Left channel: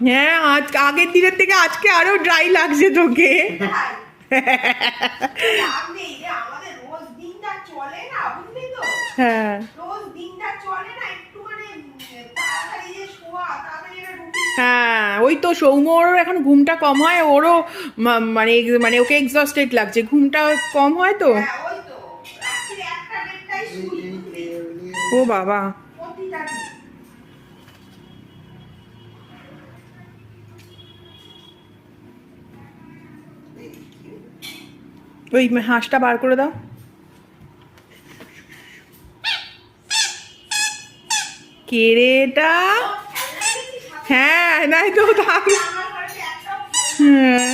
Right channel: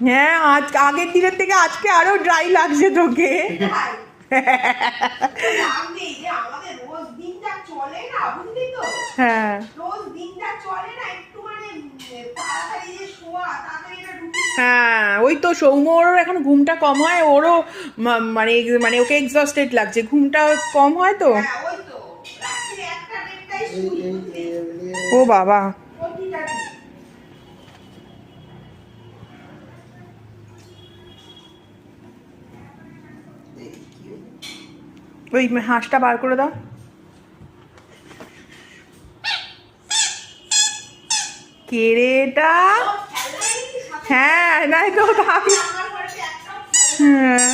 হ্যাঁ, আজ আগের দিনের থেকে আজকে আরো ড্রাই লাগছে তোকে। হ্যাঁ হ্যাঁ, ওই তো সৌম্যর এখন ঘুমটা কম হয়, ওরও মানে মানে ওকে এক্সস্টেড লাগছে, ঘুমটা কম হয় তো। ও বাবা, ওই হাঁসটা বার করে দাও। কে রে এটা? হ্যাঁ নাই তো, হ্যাঁ